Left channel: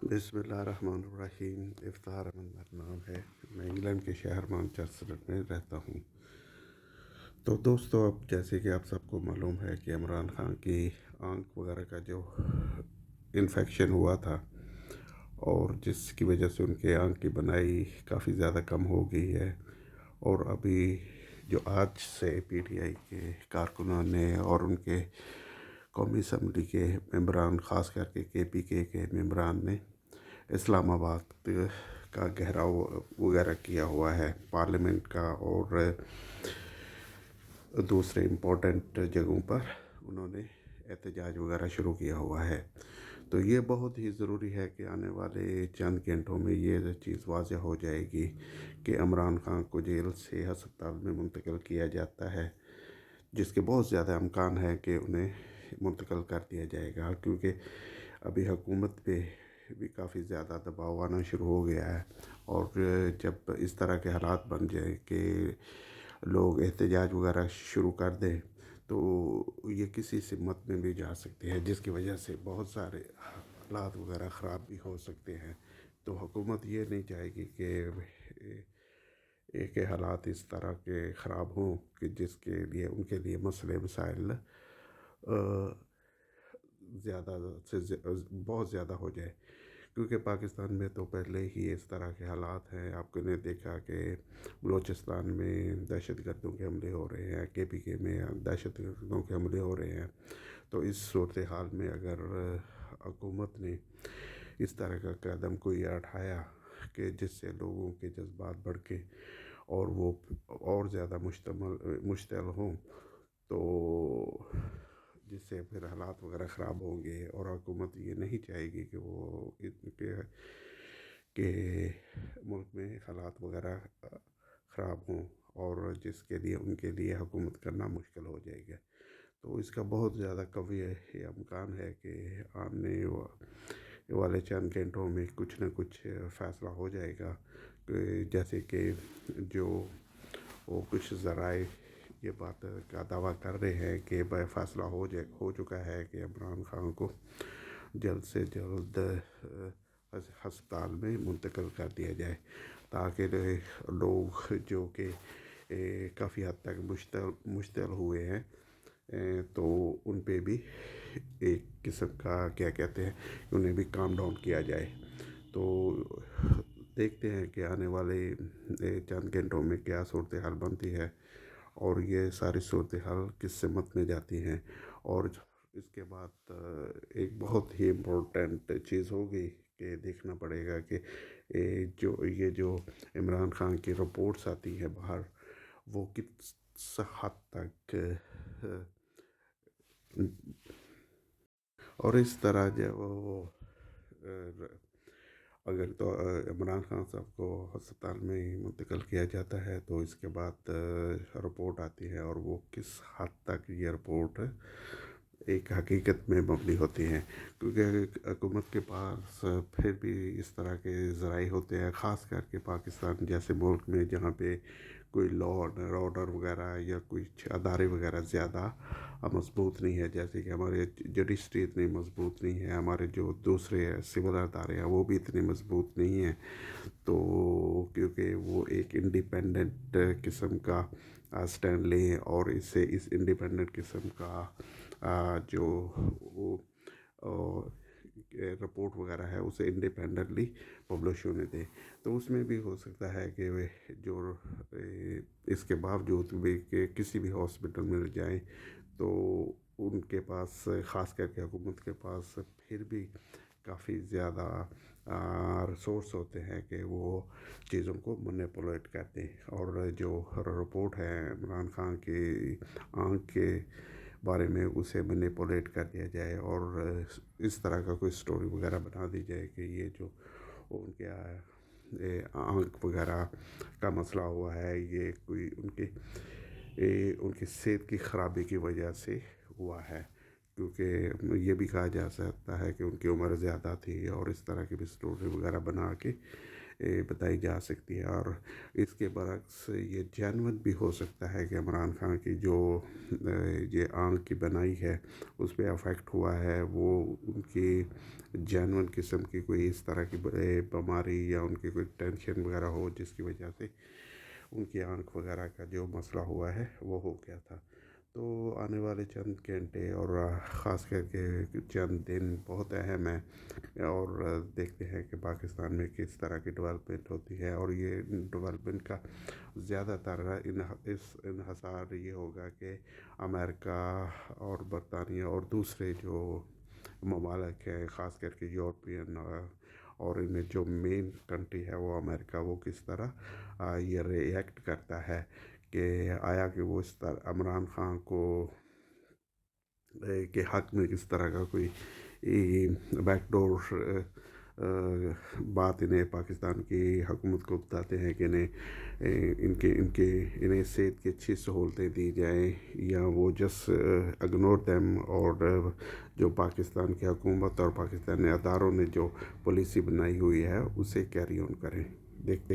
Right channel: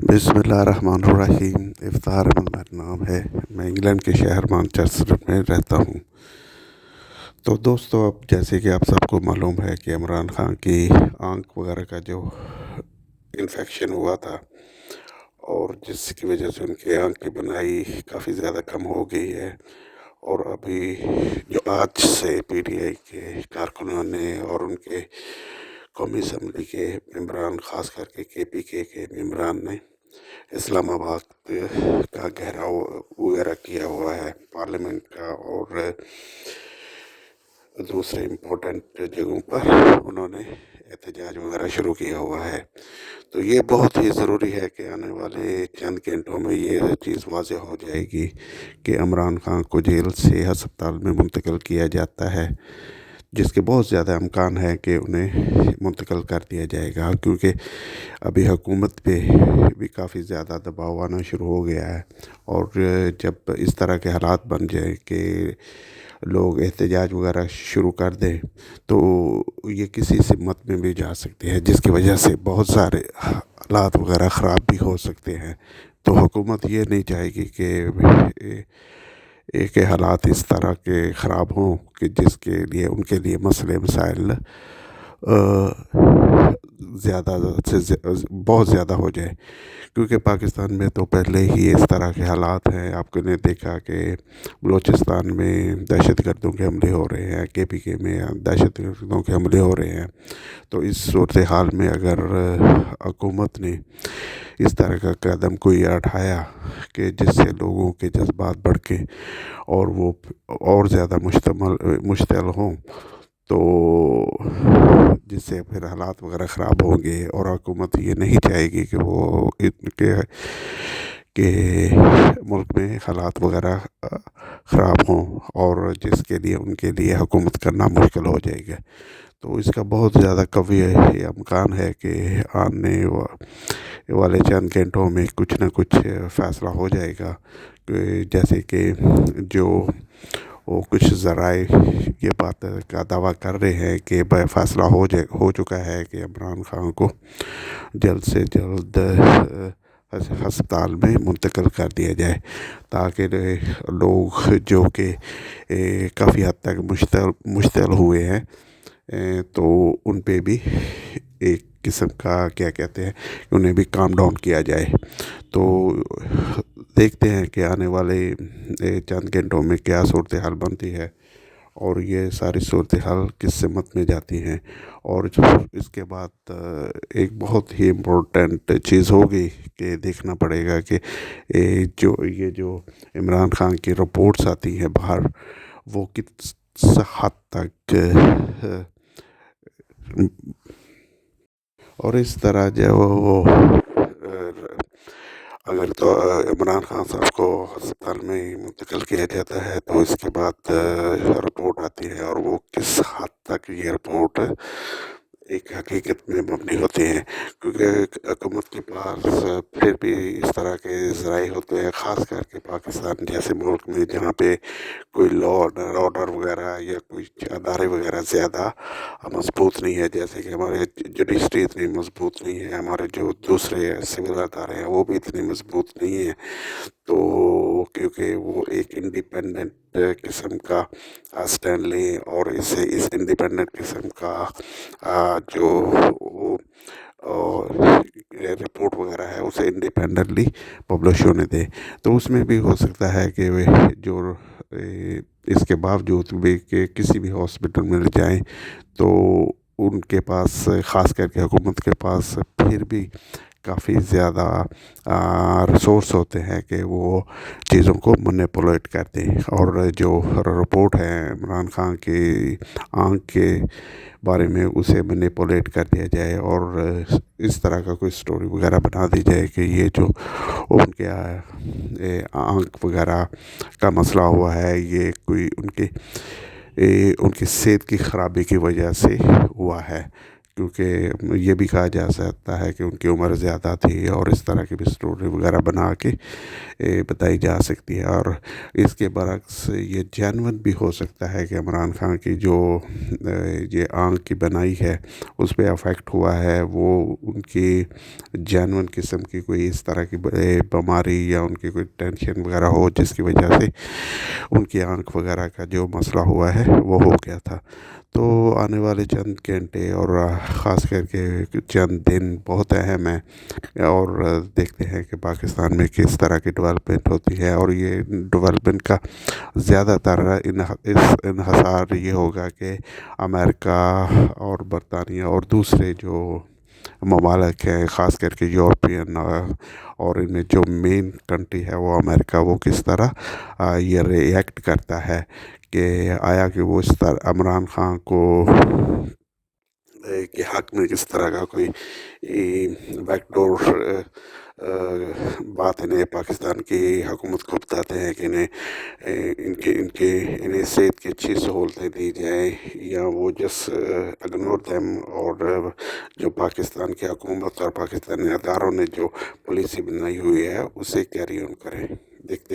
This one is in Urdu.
بسم اللہ الرحمن الرحیم۔ افطار احمد میرا نام ہے۔ میں انگلینڈ کے شہر مانچسٹر میں رہتا ہوں۔ تو دوستو، اب جیسے کہ آپ سب کو معلوم ہے کہ عمران خان کی آنکھ وغیرہ کا جو انفیکشن ہوا تھا، اور جس کی وجہ سے ان کے آنکھ کی بنائی کافی زیادہ کم ہو گئی ہے، اور ابھی جو آج سے پی ٹی آئی کے کارکنوں نے اور ان کے قومی اسمبلی کے ممبران، خاص کر کے پی کے ممبران نے اسلام آباد کا گھیراؤ وغیرہ کیا ہوا ہے، پارلیمنٹ کا اور دوسرے امپورٹنٹ جگہوں پر انہوں نے احتجاج وغیرہ شروع کیا ہوا ہے۔ تو یہ بہت ہی ضروری ہے کہ آنے والے چند گھنٹوں میں یہ چیز واضح ہو جائے گی کہ عمران خان کو جیل سے ہسپتال میں منتقل کیا جاتا ہے، جس کے بہت زیادہ امکان ہے کہ انہیں منتقل کر دیا جائے گا، کیونکہ ابھی حکومت پہ بھی کافی زیادہ دباؤ آنا شروع ہو گیا ہے۔ اور جب اس طرح کے حالات بن جائیں کہ لوگ احتجاج وغیرہ شروع کر دیں، تو یہ کسی سمت میں بھی جا سکتے ہیں، جس کی وجہ سے بہت سارے حالات وغیرہ خراب بھی ہو سکتے ہیں۔ تو حکومت یہ نہیں چاہے گی کہ حالات اس طرح کے خراب ہوں کہ جس کے لیے ان کے لیے مسئلے مسائل زیادہ سے بہت زیادہ ہو جائے، کیونکہ پاکستان میں تو پہلے ہی اس طرح کے حالات ہیں۔ آپ نے دیکھا کہ بلوچستان میں دہشت گردوں کے حملے ہو رہے ہیں، کے میں دہشت گردوں کے حملے ہو رہے ہیں۔ تو اس صورتحال میں اگر حکومت نے اس طرح کا قدم کوئی اٹھایا کہ جس سے لوگوں کے جذبات بڑھ کے اور وہ اور زیادہ مشتعل ہوں، تو جس سے پھر حالات وغیرہ خراب ہوں گے، اور حکومت یہ نہیں چاہے گی کہ وہ کہ ملک میں حالات وغیرہ خراب ہوں، اور جس کے لیے ان کے لیے حکومت کرنا مشکل ہو جائے گا۔ تو اس کا بہت زیادہ قوی امکان ہے کہ آنے والے چند گھنٹوں میں کچھ نہ کچھ فیصلہ ہو جائے گا، جیسے کہ جو وہ کچھ ذرائع یہ بات کا دعویٰ کر رہے ہیں کہ فیصلہ ہو چکا ہے کہ عمران خان کو جلد سے جلد ہسپتال میں منتقل کر دیا جائے، تاکہ لوگ جو کہ کافی حد تک مشتعل ہوئے ہیں، تو ان پہ بھی ایک قسم کا کیا کہتے ہیں، انہیں بھی کام ڈاؤن کیا جائے۔ تو دیکھتے ہیں کہ آنے والے چند گھنٹوں میں کیا صورتحال بنتی ہے، اور یہ ساری صورتحال کس سمت میں جاتی ہیں۔ اور اس کے بعد ایک بہت ہی امپورٹنٹ چیز ہوگی کہ دیکھنا پڑے گا کہ یہ جو عمران خان کی رپورٹس آتی ہیں باہر، وہ کس حد تک اور اس طرح جو وہ اگر تو عمران خان صاحب کو ہسپتال میں منتقل کیا جاتا ہے، تو اس کے بعد رپورٹ آتی ہے، اور وہ کس حد تک یہ رپورٹ ایک حقیقت میں مبنی ہوتی ہیں، کیونکہ حکومت کے پاس پھر بھی اس طرح کے ذرائع ہوتے ہیں، خاص کر کے پاکستان جیسے ملک میں جہاں پہ کوئی لا آرڈر وغیرہ یا کوئی ادارے وغیرہ زیادہ مضبوط نہیں ہے، جیسے کہ ہمارے جوڈیشری اتنی مضبوط نہیں ہے، ہمارے جو دوسرے سول ادارے ہیں وہ بھی اتنی مضبوط نہیں ہیں۔ تو کیونکہ وہ ایک انڈیپینڈنٹ قسم کا سٹینڈ لیں، اور اس انڈیپینڈنٹ قسم کا جو رپورٹ وغیرہ ہے اسے انڈیپینڈنٹلی پبلش ہونے دیں، تو اس میں بھی ہو سکتا ہے کہ جو اس کے باوجود بھی کہ کسی بھی ہاسپٹل میں لے جائیں، تو ان کے پاس، خاص کر کے حکومت کے پاس، پھر بھی کافی زیادہ ریسورس ہوتے ہیں کہ وہ چیزوں کو مینیپولیٹ کر دیں، اور جو رپورٹ ہے عمران خان کی آنکھ کے بارے میں اسے مینیپولیٹ کر دیا جائے، اور اس طرح کا کوئی سٹوری وغیرہ بنا دی جائے کہ یہ جو ان کے آنکھ وغیرہ کا مسئلہ ہوا ہے، یہ کوئی ان کی صحت کی خرابی کی وجہ سے ہوا ہے، کیونکہ یہ بھی کہا جا سکتا ہے کہ ان کی عمر زیادہ تھی، اور اس طرح کی بھی اسٹوری وغیرہ بنا کے بتائی جا سکتی ہے۔ اور اس کے برعکس یہ جینون بھی ہو سکتا ہے کہ عمران خان کی جو یہ آنکھ کی بنائی ہے اس پہ افیکٹ ہوا ہے، وہ ان کی جینون قسم کی کوئی اس طرح کی بیماری یا ان کی کوئی ٹینشن وغیرہ ہو، جس کی وجہ سے ان کی آنکھ وغیرہ کا جو مسئلہ ہوا ہے وہ ہو گیا تھا۔ تو آنے والے چند گھنٹے اور خاص کر کے چند دن بہت اہم ہیں، اور دیکھتے ہیں کہ پاکستان میں کس طرح کی ڈیولپمنٹ ہوتی ہے، اور یہ ڈیولپمنٹ کا زیادہ تر انحصار یہ ہوگا کہ امریکہ اور برطانیہ اور دوسرے جو ممالک ہیں، خاص کر کے یورپین، اور ان میں جو مین کنٹری ہے وہ امریکہ، وہ کس طرح یہ ری ایکٹ کرتا ہے کہ آیا کہ وہ اس طرح عمران خان کو کے حق میں کس طرح کا کوئی بیک ڈور بات انہیں پاکستان کی حکومت کو بتاتے ہیں کہ انہیں صحت کی اچھی سہولتیں دی جائیں، یا وہ جس اگنور دیم، اور جو پاکستان کی حکومت اور پاکستانی اداروں نے جو پالیسی بنائی ہوئی ہے اسے کیری آن کریں۔ دیکھتے